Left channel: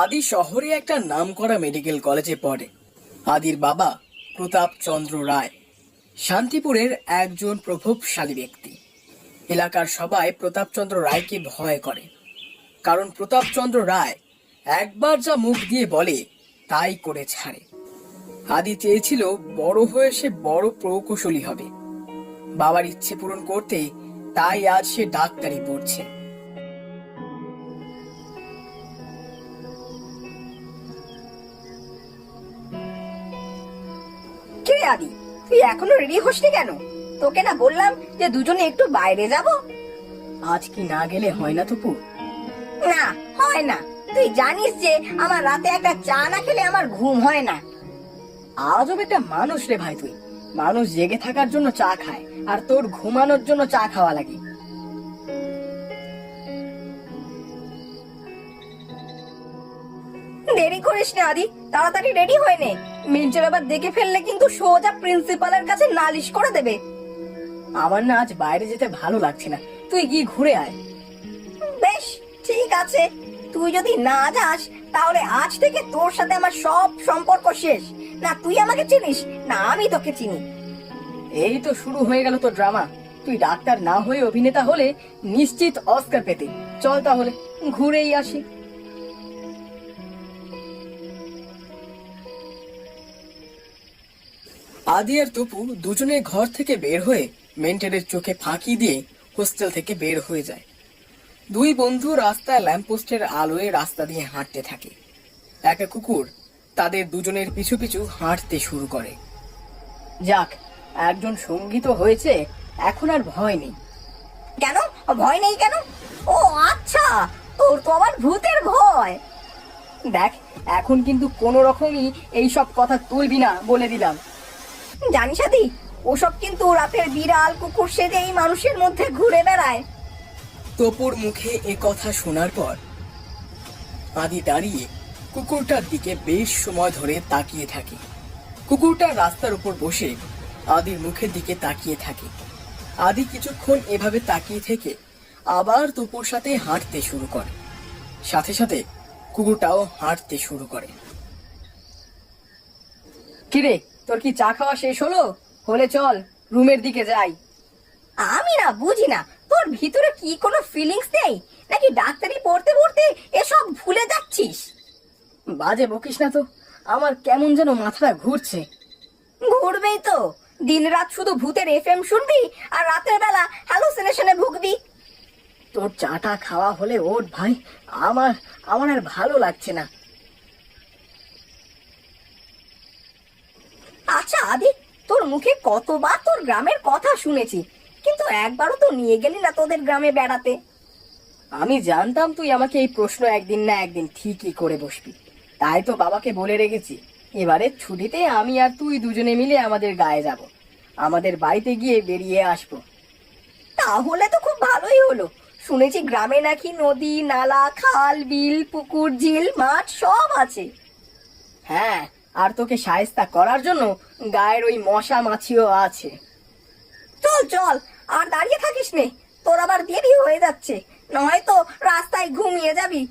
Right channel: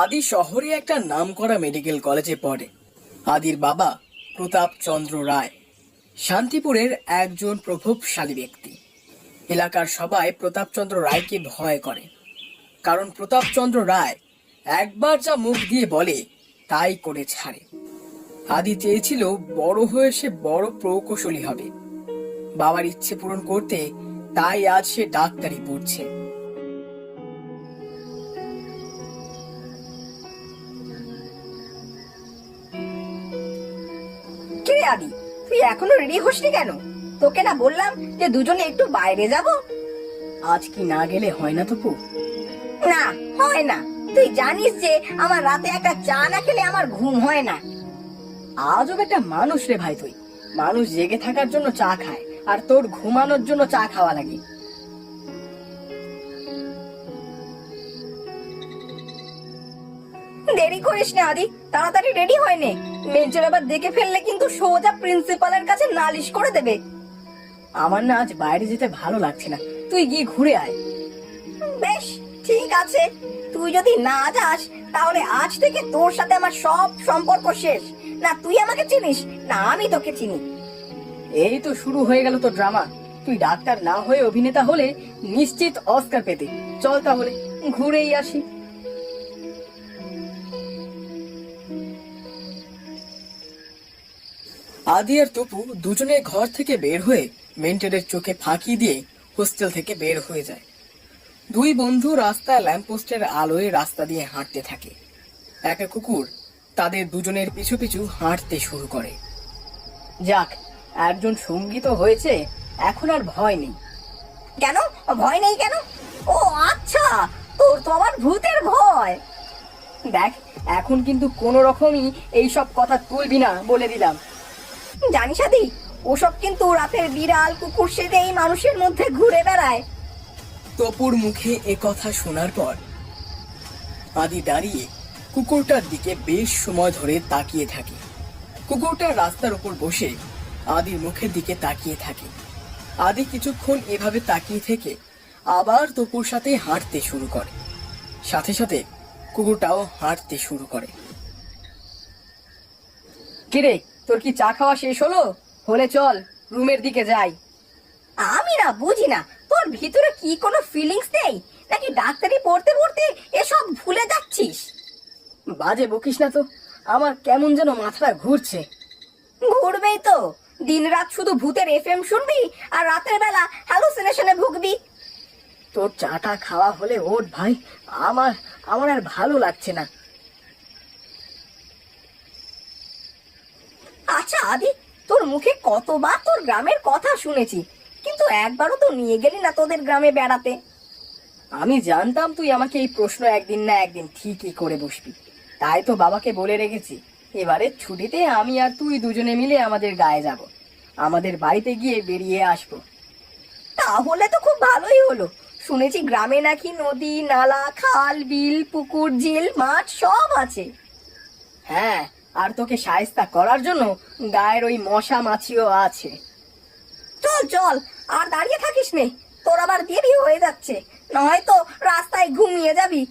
আদি শহরে একটা নামকরা মেডিকেল কলেজে পড়ে। আদির বাবা প্রতাপ চন্দ্র রায় শান্তিপুরের একজন প্রভাবশালী ব্যক্তি। এলাকার সবাই প্রতাপচন্দ্র রায়কে ভয় করে, কারণ প্রতাপচন্দ্র রায় একবার যা মুখ দিয়ে বলে তাই করে ছাড়ে। আদি চেয়েছিল বড় হয়ে সে বড় প্রকৌশলী হবে। বাবার ইচ্ছে পূরণ করতে তাই আজ সে ডাক্তারি পড়ছে। কে আদি, তুই এখনো রেডি হসনি কেন? তোকে না বললাম যে দুজনে একটু বাইরে যাব? আজ কি না গেলে হয় না তপু? না, হয় না। তুই জানিস যে আমার রাতে একটা চা না খেলে আমার ঘুম হয় না। আজও একটা মানুষ রে ভাই তুই। মানুষ জেগে থাকার জন্য চা খায়, আর তোর ঘুমানোর জন্য চা খাওয়া লাগে। দেরি করিস না আদি, তাড়াতাড়ি রেডি হয়ে নে। মেন্টাল আবার দেখে ফেললে কিন্তু সোজা প্রিন্সিপালের কাছে নালিশ করে দেবে। আমার না আজ বাইরে যেতে ভালো লাগছে না, তুই গিয়ে ঘুরে আয়। বেশ, ঠিক আছে। তুই যদি না যাস তাহলে আজ থেকে তোর সাথে আমার সব সম্পর্ক শেষ। না তুই আমাকে চিনিস, না আমি তোকে চিনি। এই তো শুরু হয়ে গেল তো ড্রামা। তুই ডাক্তার না হয়ে অভিনেতা হলে নিশ্চিত অস্কার পেতি। চল তাহলে ঘুরেই আসি। আদি আর তপু দুজনে ঘর থেকে বের হয়ে মেন্টরের চোখে ফাঁকি দিয়ে হোস্টেল থেকে বের হয়ে যায়। দুই বন্ধু রাস্তায় ল্যাম্পপোস্টের আলোয় রাস্তা দিয়ে হাঁটতে থাকে। একটা কুকুর তাদের দুজনের পিছু পিছু হাঁটতে শুরু করে। যাক, একজন সঙ্গী তো হয়েছে, এখন আর ভয় নেই। কেন ভয় নেই কেন? ও আচ্ছা, তোর তো আমার ভূতের ভয়। দেখ, এখন কিন্তু কোন রকমই এইসব কথা তুলবি না, বলে দিলাম। জানিস আদি, ওসব কিন্তু রাতের বিড়াল কুকুর সেজে এই মানুষের মধ্যে ঘুরে বেড়ায়। তপুর মুখে এ কথা শোনার পর আদি দাঁড়িয়ে কুকুরটার দিকে বেশ সময় ধরে তাকিয়ে থাকে। কুকুরটা রাস্তার উপর বসে আদির মুখের দিকে তাকিয়ে থাকে। আদি কিছুক্ষণ এভাবে তাকিয়ে থেকে আবার তপুর সাথে হাঁটতে শুরু করে। সাথে সাথে কুকুরটাও হাঁটতে শুরু করে। কিরে, তোর কি চা খাওয়া শেষ হলো? হলে চল রুমের দিকে যাই। আমি না বুঝি না, তোর ভিতরে কি কোনো ফিলিংস নেই, নাকি ডাক্তারি পড়তে পড়তে এসব ভুলে যাচ্ছিস? বাজে বকিস না তো, আমার কেমন যেন মাথাটা ঘুরছে। ঘুরবেই তো, দিন রাত শুধু ভূতের এফএম শুনবি আর রাতের বেলা হ্যালুসিনেশনে ভুগবি। তোর চাটা খাওয়া হলে ওঠ ভাই, আমার আমার আর ভালো লাগছে না। আচ্ছা আদি, তোর মুখে কতবার তোর গ্রামের কথা শুনেছি, কিন্তু একবারও তো নিয়ে গেলি না তোদের গ্রামে বেড়াতে। আমি জানতাম তুই আমাকে এই প্রশ্ন একদিন না একদিন ঠিকই করে বসবি, তাই তো বাবাকে বলে রেখেছি এবারে ছুটিতে আমি আর তুই দুজনে মিলে আমাদের গায়ে যাব, আমাদের বাড়িতে গিয়ে বেরিয়ে আসবো। তাহলে তো খুব ভালোই হলো। শুনেছি গ্রামে নাকি নদী নালা খাল বিল পুকুর ঝিল মাঠ সব আছে। হ্যাঁ, আর তোকে শায়েস্তা করার জন্য গায়ের ওই মশা মাছিও আছে। চল চল, আর দাঁড়িয়ে থাকিস নে, তোর আবার দেরি হয়ে যাচ্ছে, নয়তো রাস্তায় ঘুমিয়ে যাবি।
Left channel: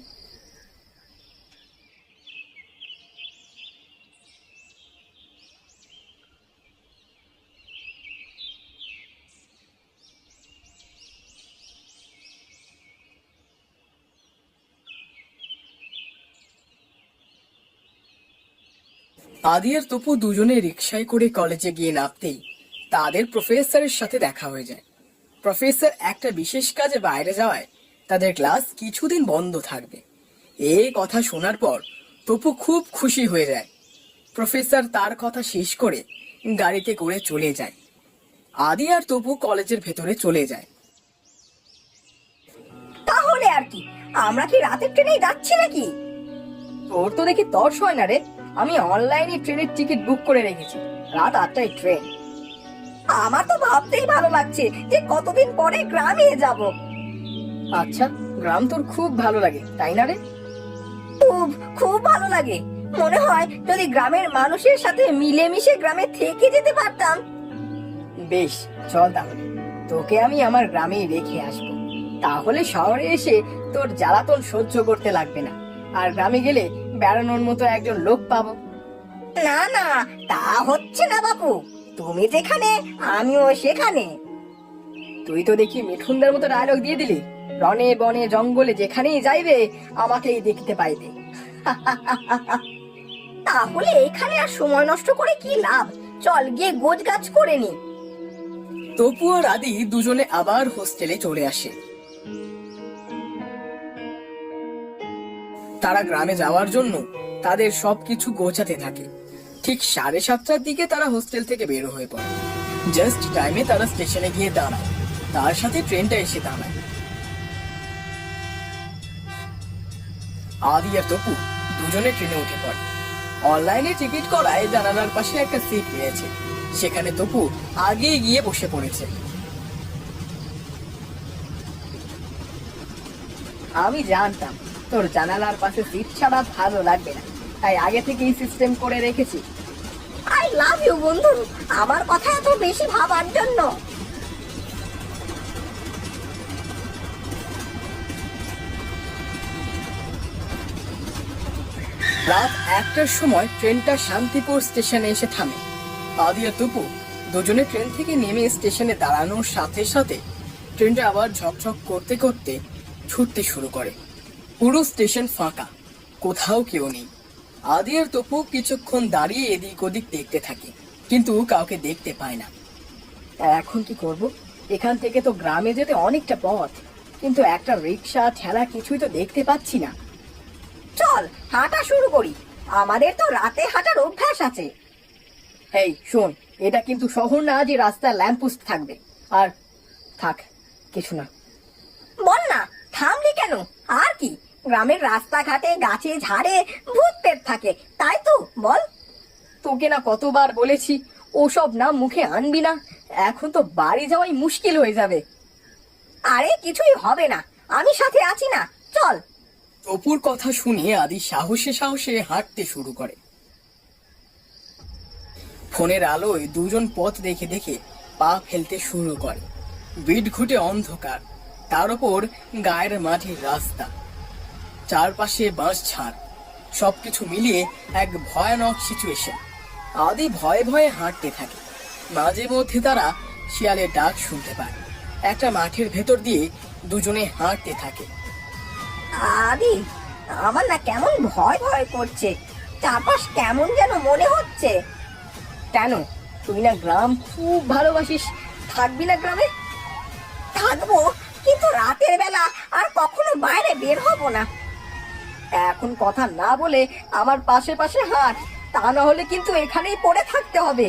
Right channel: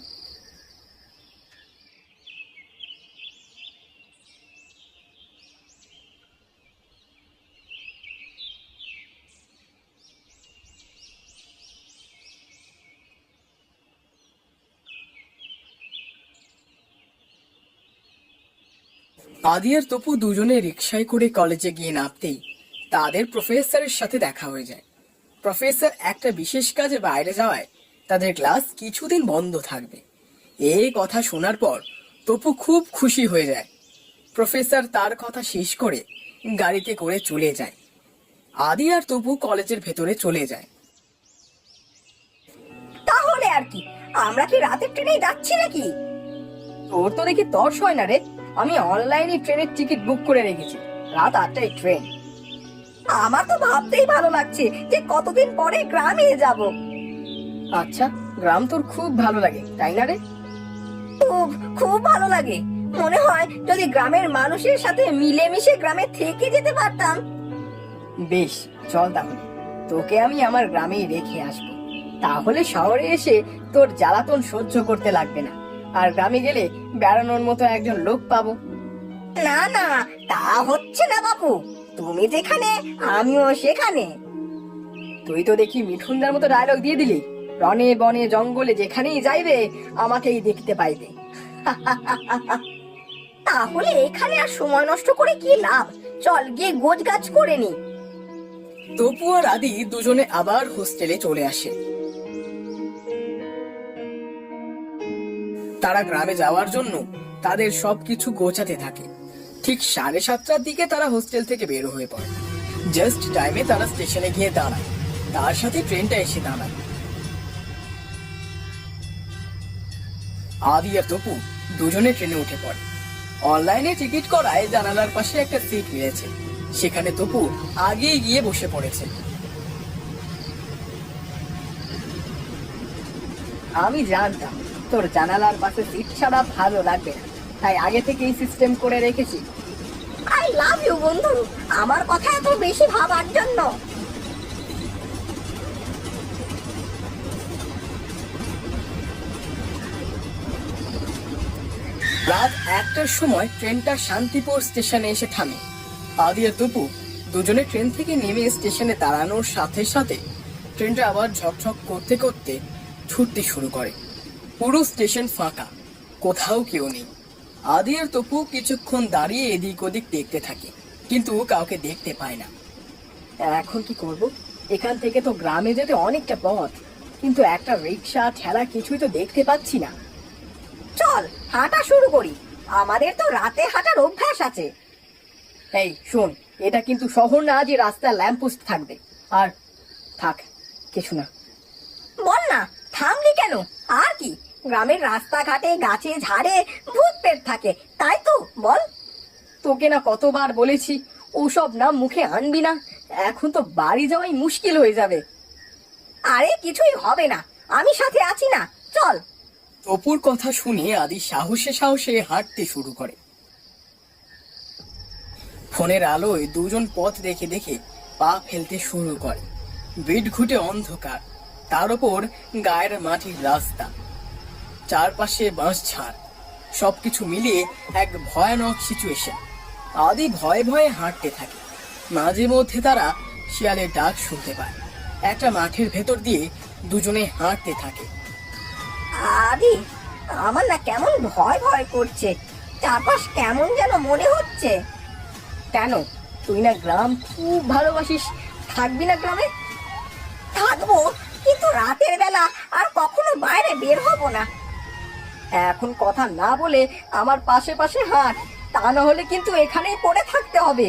আদি আর তপু দুজনে রিকশায় করে কলেজে গিয়ে নামতেই তাদের প্রফেসরের সাথে দেখা হয়ে যায়। প্রফেসর একটা বিশেষ কাজে বাইরে যাওয়ায় তাদের ক্লাস কিছুদিন বন্ধ থাকবে। এই কথা শোনার পর তপু খুব খুশি হয়ে যায়। প্রফেসর তার কথা শেষ করে গাড়িতে করে চলে যায়। আদি আর তপু কলেজের ভেতরে চলে যায়। তাহলে আর কি, আমরা কি রাতের ট্রেনেই যাচ্ছি নাকি? তোর তো দেখি তর্স হয় না রে। আমি অনলাইনে ট্রেনের টিকিট বুক করে রেখেছি, রাত 8টায় ট্রেন। আমার তো ভাবতেই ভালো লাগছে যে কতদিন পরে গ্রামে যাব। আচ্ছা, গ্রাম তোর খুব ভালো লাগে তাই না রে? খুব খুব ভালো লাগে। মনে হয় যদি গ্রামের মানুষের সাথে মিলেমিশে গ্রামে থেকে যেতে পারতাম। বেশ, চল তাহলে তোকে আমি আমার গ্রামেই রেখে আসবো, তাহলে শহরে এসে তোর জ্বালাতন সহ্য করতে লাগবে না। আর গ্রামে গেলে বেড়ানোর মতো একজন লোক পাবো। না না, তা হচ্ছে না বাপু। তুমি যেখানে আমিও সেখানে। তুই তো দেখি মিঠুনদার মতো ডায়লগ দিয়ে দিলি, রনে বনে জঙ্গলে যেখানেই যাইবে আমাকেই দেখতে পাইবে। তাহলে এখানে আর সময় নষ্ট করে কি লাভ? চল গিয়ে গোজ গাছ করে নি। তপু আর আদি দুজনে আবার হোস্টেলে চলে আসে। তারা গ্রামে যাওয়ার জন্য তাদের সবকিছু গোছাতে থাকে। ঠিক 7:30টার দিকে তারা হোস্টেল থেকে বের হয়ে পড়ে। জাস্ট টাইমে তারা স্টেশনে গিয়ে দাঁড়ায়, তার সাথে ট্রেনটা এসে দাঁড়ায়। আদি আর তপু দুজনে ট্রেনে উঠে পড়ে। অনলাইনে টিকিট করায় জানালার পাশে একটা সিট পেয়েছে, সেখানে তপু আগেই গিয়ে বসে পড়েছে। আমি জানতাম তোর জানালার পাশে সিট ছাড়া ভালো লাগবে না, তাই আগে থেকে এই সিস্টেম করে রেখেছি। আই লাভ ইউ বন্ধু, আমার কথা এত বেশি ভাবার জন্য। রাত 1টার সময় ট্রেনটা শান্তিপুর স্টেশনে এসে থামে। আদি আর তপু দুজনে ট্রেন থেকে নেমে স্টেশনে দাঁড়ানোর সাথে সাথে ট্রেনটা আবার ঝকঝক করতে করতে ছুটতে শুরু করে। পুরো স্টেশন ফাঁকা, কোথাও কেউ নেই। আদি আর তপু কিছুক্ষণ দাঁড়িয়ে এদিক ওদিক দেখতে থাকে, কিন্তু কাউকে দেখতে পায় না। এখন কি করব? এখান থেকে তো গ্রামে যেতে অনেকটা পথ, কিন্তু একটা রিক্সা ঠেলা কিছুই তো দেখতে পাচ্ছি না। চল হাঁটা শুরু করি, আমাদের তো রাতে হাঁটার অভ্যাস আছে। এই শোন, এটা কিন্তু শহর না যে রাস্তায় ল্যাম্পপোস্ট থাকবে। আর থাক, কিছু না। বল না, থামলি কেন? আর কি, গ্রামের রাস্তাঘাটে গাছে ঝাড়ে ভূত পেট থাকে, তাই তো বল। তোকে না কতবার বলেছি ওসব নাম মুখে আনবি না, এখন তো বাড়ি যাওয়াই মুশকিল হয়ে যাবে। আরে কিছুই হবে না, আমি সাথে আছি না, চল। অপুর কথা শুনে আদি সাহসে সাহসে হাঁটতে শুরু করে। ফোনের আলোয় দুজন পথ দেখে দেখে পা ফেলতে শুরু করে। বিট ঘুটে অন্ধকার, তার উপর গায়ের মাটির রাস্তা, চারপাশে বাঁশ ঝাড়, সবকিছু মিলিয়ে এক ভয়ানক সিচুয়েশন। আদি ভয়ে ভয়ে হাঁটতে থাকে। মাঝে মধ্যে তারা শিয়ালের ডাক শুনতে পায়। একটা মাঠের ভেতর দিয়ে দুজনে হাঁটতে থাকে। আরে আমার না কেমন ভয় ভয় করছে, চারপাশ কেমন যেন মনে হচ্ছে। কেন, তুই না গ্রাম খুব ভালোবাসিস, থাকবি না গ্রামে? থাকবো, কিন্তু রাতের বেলা আর কখনো বাইরে বের হব না। এখন কথা না বলে আমার পাশে পাশে হাঁট, তা না হলে কিন্তু এখানেই পড়ে থাকতে হবে।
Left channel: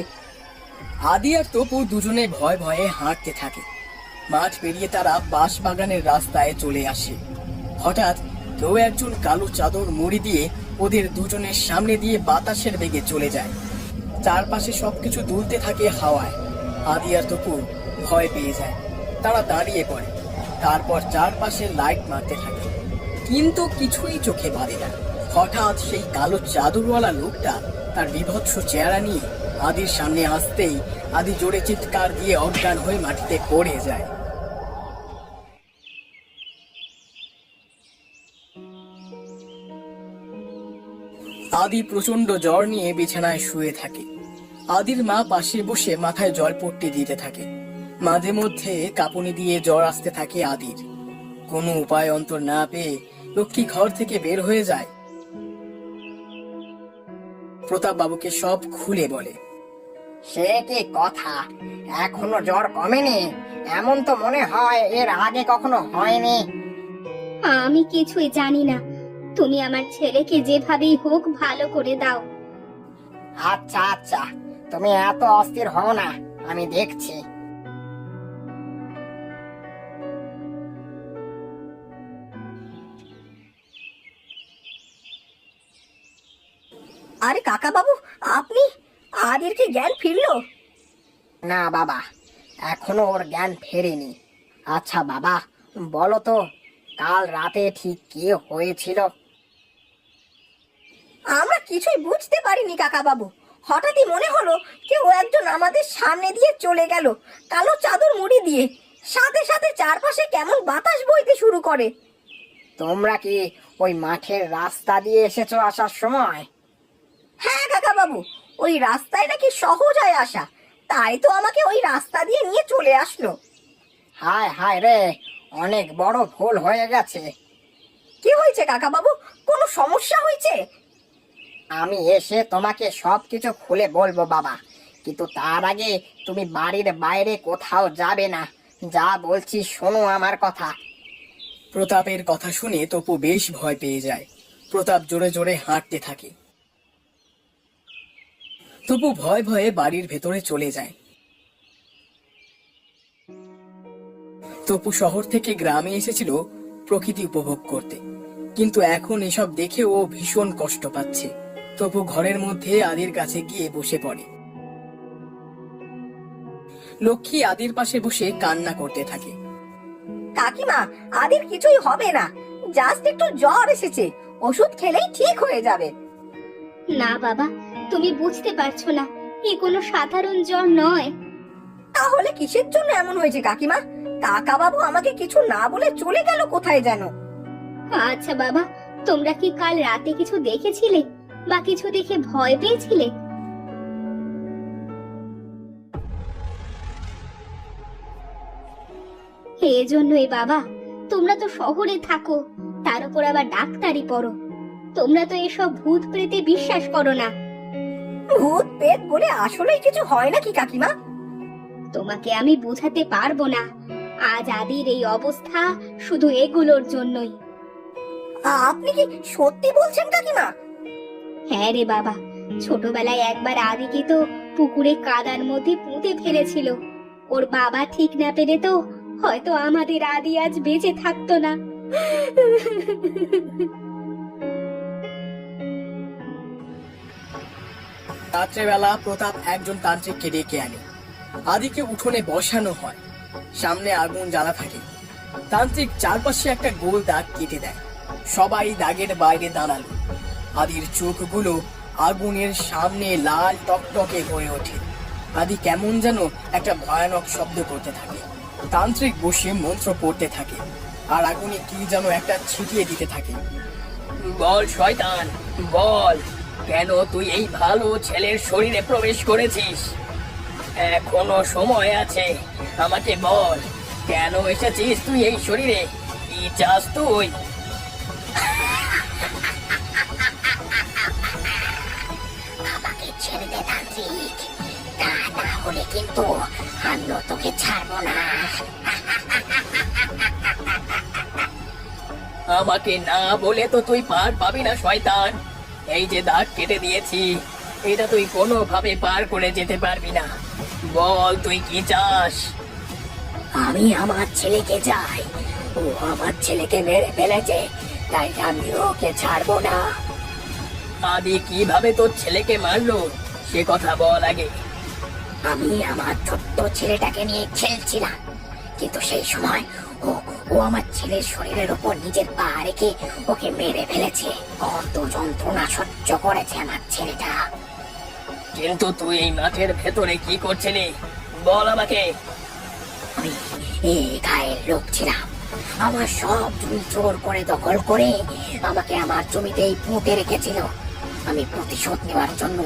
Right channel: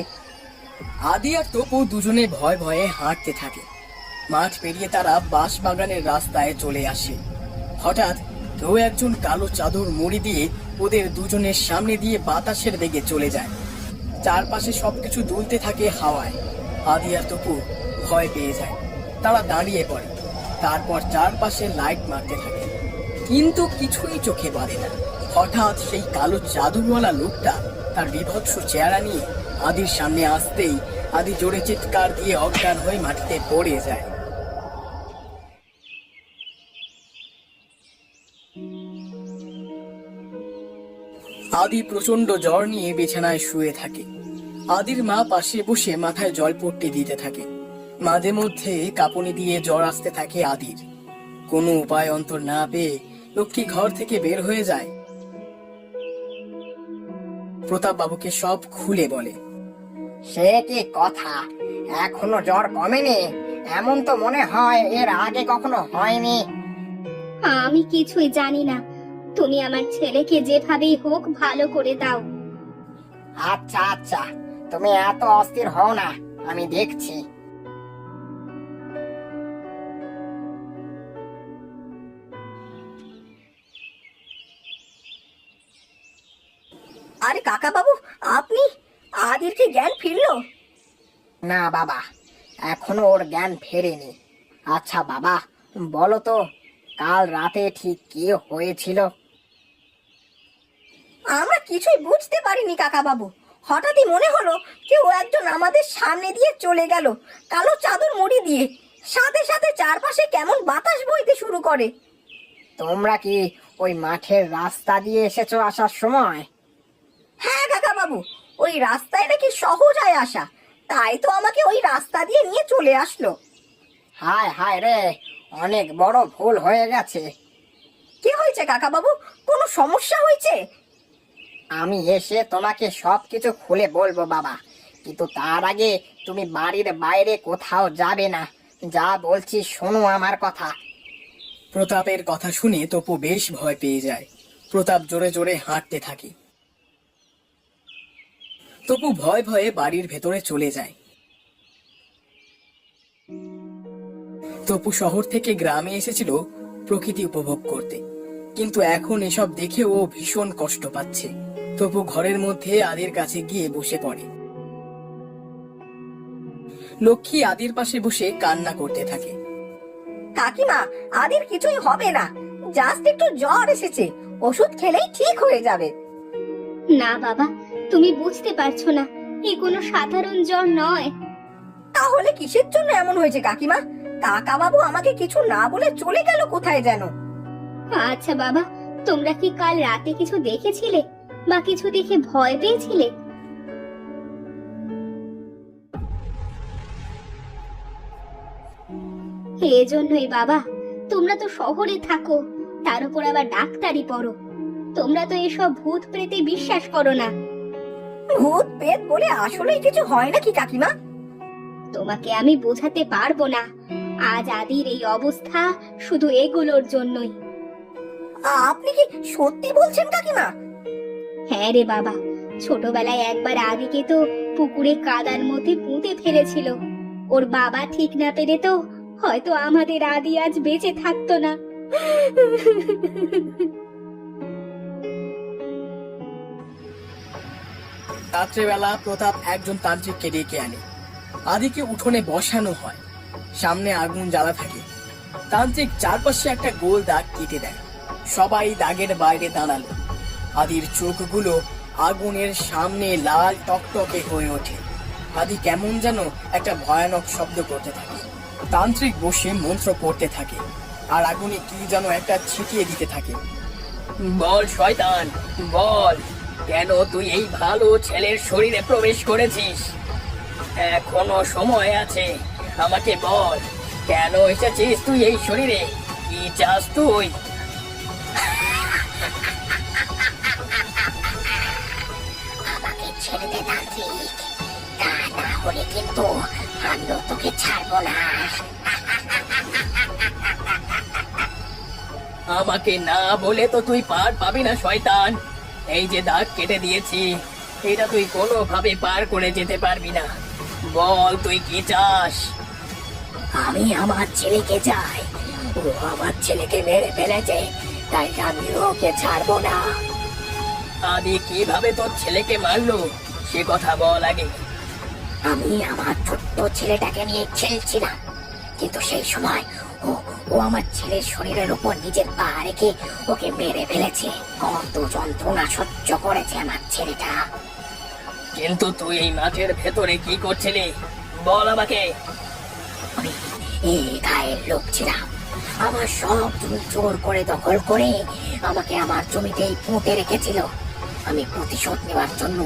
আদি আর তপু দুজনে ভয়ে ভয়ে হাঁটতে থাকে। মাঠ পেরিয়ে তারা বাঁশ বাগানের রাস্তায় চলে আসে। হঠাৎ কেউ একজন কালো চাদর মুড়ি দিয়ে ওদের দুজনের সামনে দিয়ে বাতাসের বেগে চলে যায়। চারপাশে সবকিছু দুলতে থাকে হাওয়ায়। আদি আর তপু ভয় পেয়ে যায়, তারা দাঁড়িয়ে পড়ে। তারপর চারপাশে লাইট মারতে থাকে, কিন্তু কিছুই চোখে পড়ে না। হঠাৎ সেই কালো চাদরওয়ালা লোকটা তার বিভৎস চেহারা নিয়ে আদির সামনে আসতেই আদি জোরে চিৎকার দিয়ে অজ্ঞান হয়ে মাটিতে পড়ে যায়। আদি প্রচন্ড জ্বর নিয়ে বিছানায় শুয়ে থাকে। আদির মা পাশে বসে মাথায় জলপট্টি দিতে থাকে। মাঝে মধ্যে কাঁপুনি দিয়ে জ্বর আসতে থাকে আদির। কোনো উপায় অন্তর না পেয়ে লক্ষ্মী ঘর থেকে বের হয়ে যায়। প্রতাপ বাবুকে সব খুলে বলে। সে কি কথা, এখনো জ্বর কমেনি? এমন তো মনে হয় এর আগে কখনো হয়নি। আমি কিছুই জানি না, তুমি আমার ছেলেকে যেভাবেই হোক ভালো করে দাও। আচ্ছা আচ্ছা, তুমি এত অস্থির হও না, আমি দেখছি। আরে কাকা বাবু, আপনি? আদির কি জ্ঞান ফিরলো? না বাবা, এখনো ওর জ্ঞান ফেরেনি। আচ্ছা বাবা, বলো তো কাল রাতে ঠিক কি হয়েছিল? আমরা কিছুই বুঝতে পারিনি কাকা বাবু। হঠাৎই মনে হলো কেউ একজন আমাদের সামনে দিয়ে চলে গেল, কালো চাদর মুড়ি দিয়ে। সাথে সাথে চারপাশে কেমন বাতাস বইতে শুরু করে। তোমরা কি ওই মাঠের রাস্তা দিয়ে এসেছো আসার সময়? হ্যাঁ কাকা বাবু, ওই রাস্তায় নাকি সহজ হয় আসা, তাই তো আমাকে ওই রাস্তা দিয়ে নিয়ে চলে আসলো। হায় হায় রে, অনেক বড় ভুল হয়ে গেছে। কি হয়েছে কাকা বাবু, কোনো সমস্যা হয়েছে? আমি এসে তোমাকে সবকিছু খুলে বলবো বাবা, কিন্তু তার আগে তুমি বাড়ির বাইরে কোথাও যাবে না। যা বলছি শোনো আমার কথা। প্রতাপের কথা শুনে তপু বেশ ভয় পেয়ে যায়। প্রতাপ জোরে জোরে হাঁটতে থাকে। তপু ভয়ে ভয়ে বাড়ির ভেতরে চলে যায়। তপু শহর থেকে গ্রামে এসেছিল প্রকৃতি উপভোগ করতে, কিন্তু এখন এসব দেখে ও ভীষণ কষ্ট পাচ্ছে। তপু ঘরের মধ্যে আদির কাছে গিয়ে বসে পড়ে। লক্ষ্মী আদির পাশে বসে কান্না করতে থাকে। কাকিমা, আদির কিছুই হবে না, জাস্ট একটু জ্বর এসেছে, ওষুধ খেলেই ঠিক হয়ে যাবে। না বাবা, তুমি বুঝতে পারছো না, এ কোনো সাধারণ জ্বর নয়। তাহলে কিসের জন্য এমন হয়েছে কাকিমা? কাকা বাবু আমাকে কিছু না বলে চলে গেল কোথায় যেন। আচ্ছা বাবা, তোমরা কি কাল রাতে কিছু দেখেছিলে বা কিছু দেখে ভয় পেয়েছিলে? এজন্যই বাবা, তোমরা তো শহরে থাকো, তার উপর আবার ডাক্তারি পড়ো, তোমরা তো এসব ভূত প্রেতে বিশ্বাস করো না। ভূত পেট বলে আসলেই কিছু হয় নাকি কাকিমা? তোমাকে আমি বোঝাতে পারবো না, আজ আদির এই অবস্থা শুধু এগুলোর জন্যই। আপনি কি সত্যি বলছেন কাকিমা? হ্যাঁ রে বাবা, ছোটবেলায় একবার আদিকে তো পুকুরে কাদার মধ্যে পুঁতে ফেলেছিল। ওর বাবা ঠিক না পেরে তো হয়তো আমাদের আদি আজ বেঁচে থাকতো না। রাত্রেবেলা প্রতাপ একজন তান্ত্রিককে ডেকে আনে। আদিকে উঠোনে বসানো হয়, সামনে আগুন জ্বালা থাকে। তান্ত্রিক চারপাশে একটা গোল দাগ কেটে দেয়। সবাই দাগের বাইরে দাঁড়ালো। আদির চোখগুলো আগুনের সামনে লাল টকটকে হয়ে ওঠে। আদি কেমন যেন একটা ভয়ানক শব্দ করতে থাকে। তান্ত্রিক বসে মন্ত্র পড়তে থাকে আর আগুনে কি যেন একটা ছিটিয়ে দিতে থাকে। বল শয়তান, বল, কেন তুই এই ভালো ছেলের শরীরে প্রবেশ করেছিস? এখনো সময় আছে, আমাকে বল, কেন এসেছিস তুই এই শরীরে? কি চাস তুই? আমাকে ছেড়ে দে তান্ত্রিক, তা না হলে কিন্তু আমিও তোকে ছাড়বো না। আমাকে না বলে তো তুই পার পাবি না শয়তান। এই যে দাগ কেটে দিয়েছি, এটা তুই কোনোভাবে পার করে যেতে পারবি না। বল তুই কি চাস? আমি আমার ছেলেকে চাই, ও আমার ছেলেকে মেরে ফেলেছে, তাই আমি ওকে ছাড়বো না। আদি কিভাবে তোর ছেলেকে মারলো সে কথা বল আগে। আমি আমার ছোট্ট ছেলেটাকে নিয়ে খেলছিলাম, কিন্তু সেই সময় ও ও আমার ছেলের শরীরের উপর নিজের পা রেখে ওকে মেরে ফেলেছে। কত যন্ত্রণা সহ্য করেছে আমার ছেলেটা। কিন্তু তুই এই মাঠের ভেতরে কি করছিলি বল আমাকে। আমি এই গায়ের লোক ছিলাম, আমার সব জমি জোর করে দখল করে আমাকে আমার জমিতেই পুঁতে রেখেছিল। আমি প্রতিশোধ নেওয়ার জন্য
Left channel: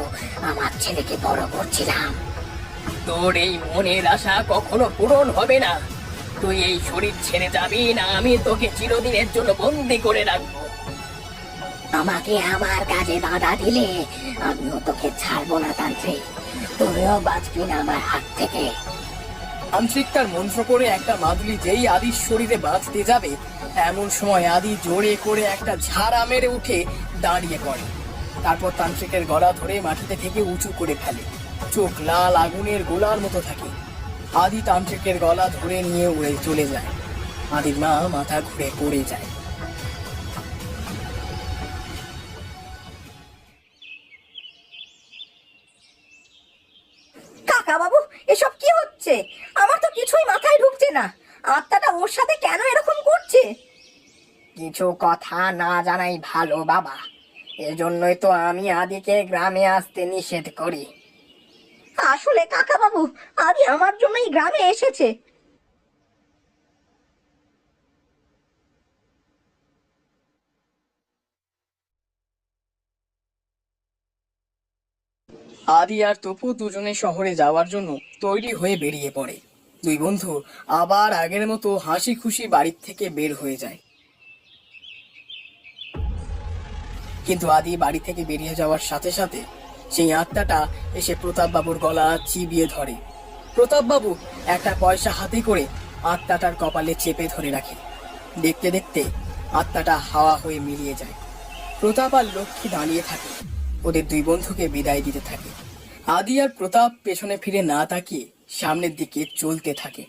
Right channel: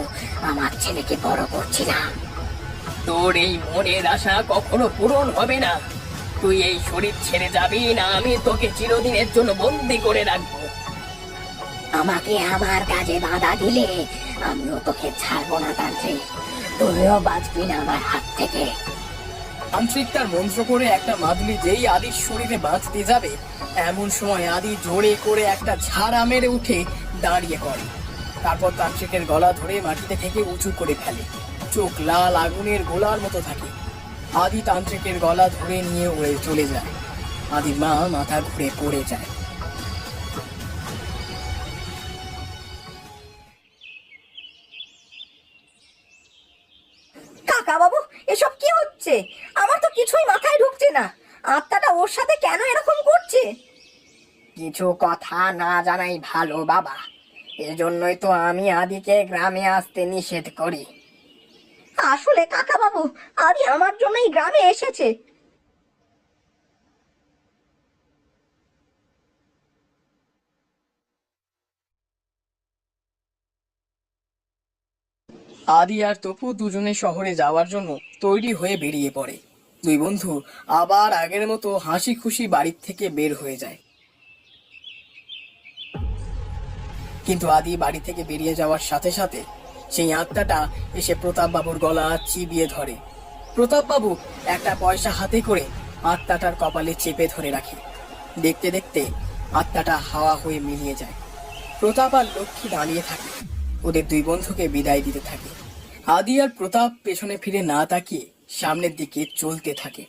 আমার ছেলেকে বড় করছিলাম। তোর এই মনের আশা কখনো পূরণ হবে না। তুই এই শরীর ছেড়ে যাবি না, আমি তোকে চিরদিনের জন্য বন্দি করে রাখবো। আমাকে আমার কাজে বাধা দিলে আমিও তোকে ছাড়বো না তান্ত্রিক, তুমিও বাঁচবি না আমার হাত থেকে। তান্ত্রিক তার মন্ত্র করে একটা মাদুলি যেই আদির শরীরে বাঁচতে যাবে, এমন সময় আদি জোরে করে একটা ঝাড়া মেরে উঠে দাঁড়িয়ে পড়ে। তারপর তান্ত্রিকের গলা ধরে মাটিতে থেকে উঁচু করে ফেলে। চোখ লাল আগুনের গোলার মতো থাকে। আদি তান্ত্রিকের গলা ধরে নিয়ে উড়ে চলে যায়। আদির মা মাথা ঘুরে পড়ে যায়। কাকা বাবু, এসব কি হচ্ছে? আমার তো কিছুই মাথায় ঢুকছে না, আত্মাটা ওর সাথে কেন এরকম করছে? কিছু কথা না জানাই ভালো বাবা, এজন্যই তো আমি আদিকে গ্রামে আসতে নিষেধ করি। আসলে কাকা বাবু, আদি আমার জন্যই গ্রামে এসেছে। আদি আর তপু দুজনে শহরে যাওয়ার জন্য তৈরি হয়ে বেরিয়ে পড়ে। দুই বন্ধু আবার আগের মতো হাসি খুশি বাড়ির থেকে বের হয়ে যায়। কিন্তু আদি বাড়ি থেকে বেরিয়ে যাওয়ার সাথে সাথে সেই আত্মাটা এসে প্রতাপ বাবুর গলা চিবিয়ে ধরে। প্রতাপ বাবু একটা পয়সা হাতে করে আত্মাটার কপালে চেপে ধরে রাখে। দেখতে দেখতে আত্মাটা হাওয়া হয়ে মিলিয়ে যায়। প্রতাপ আর লক্ষ্মী দাঁড়িয়ে থাকে, ওদের দুই বন্ধুকে বিদায় দিতে থাকে। আদি আর প্রতাপ পেছনে ফিরে না তাকিয়ে সামনের দিকে চলতে থাকে।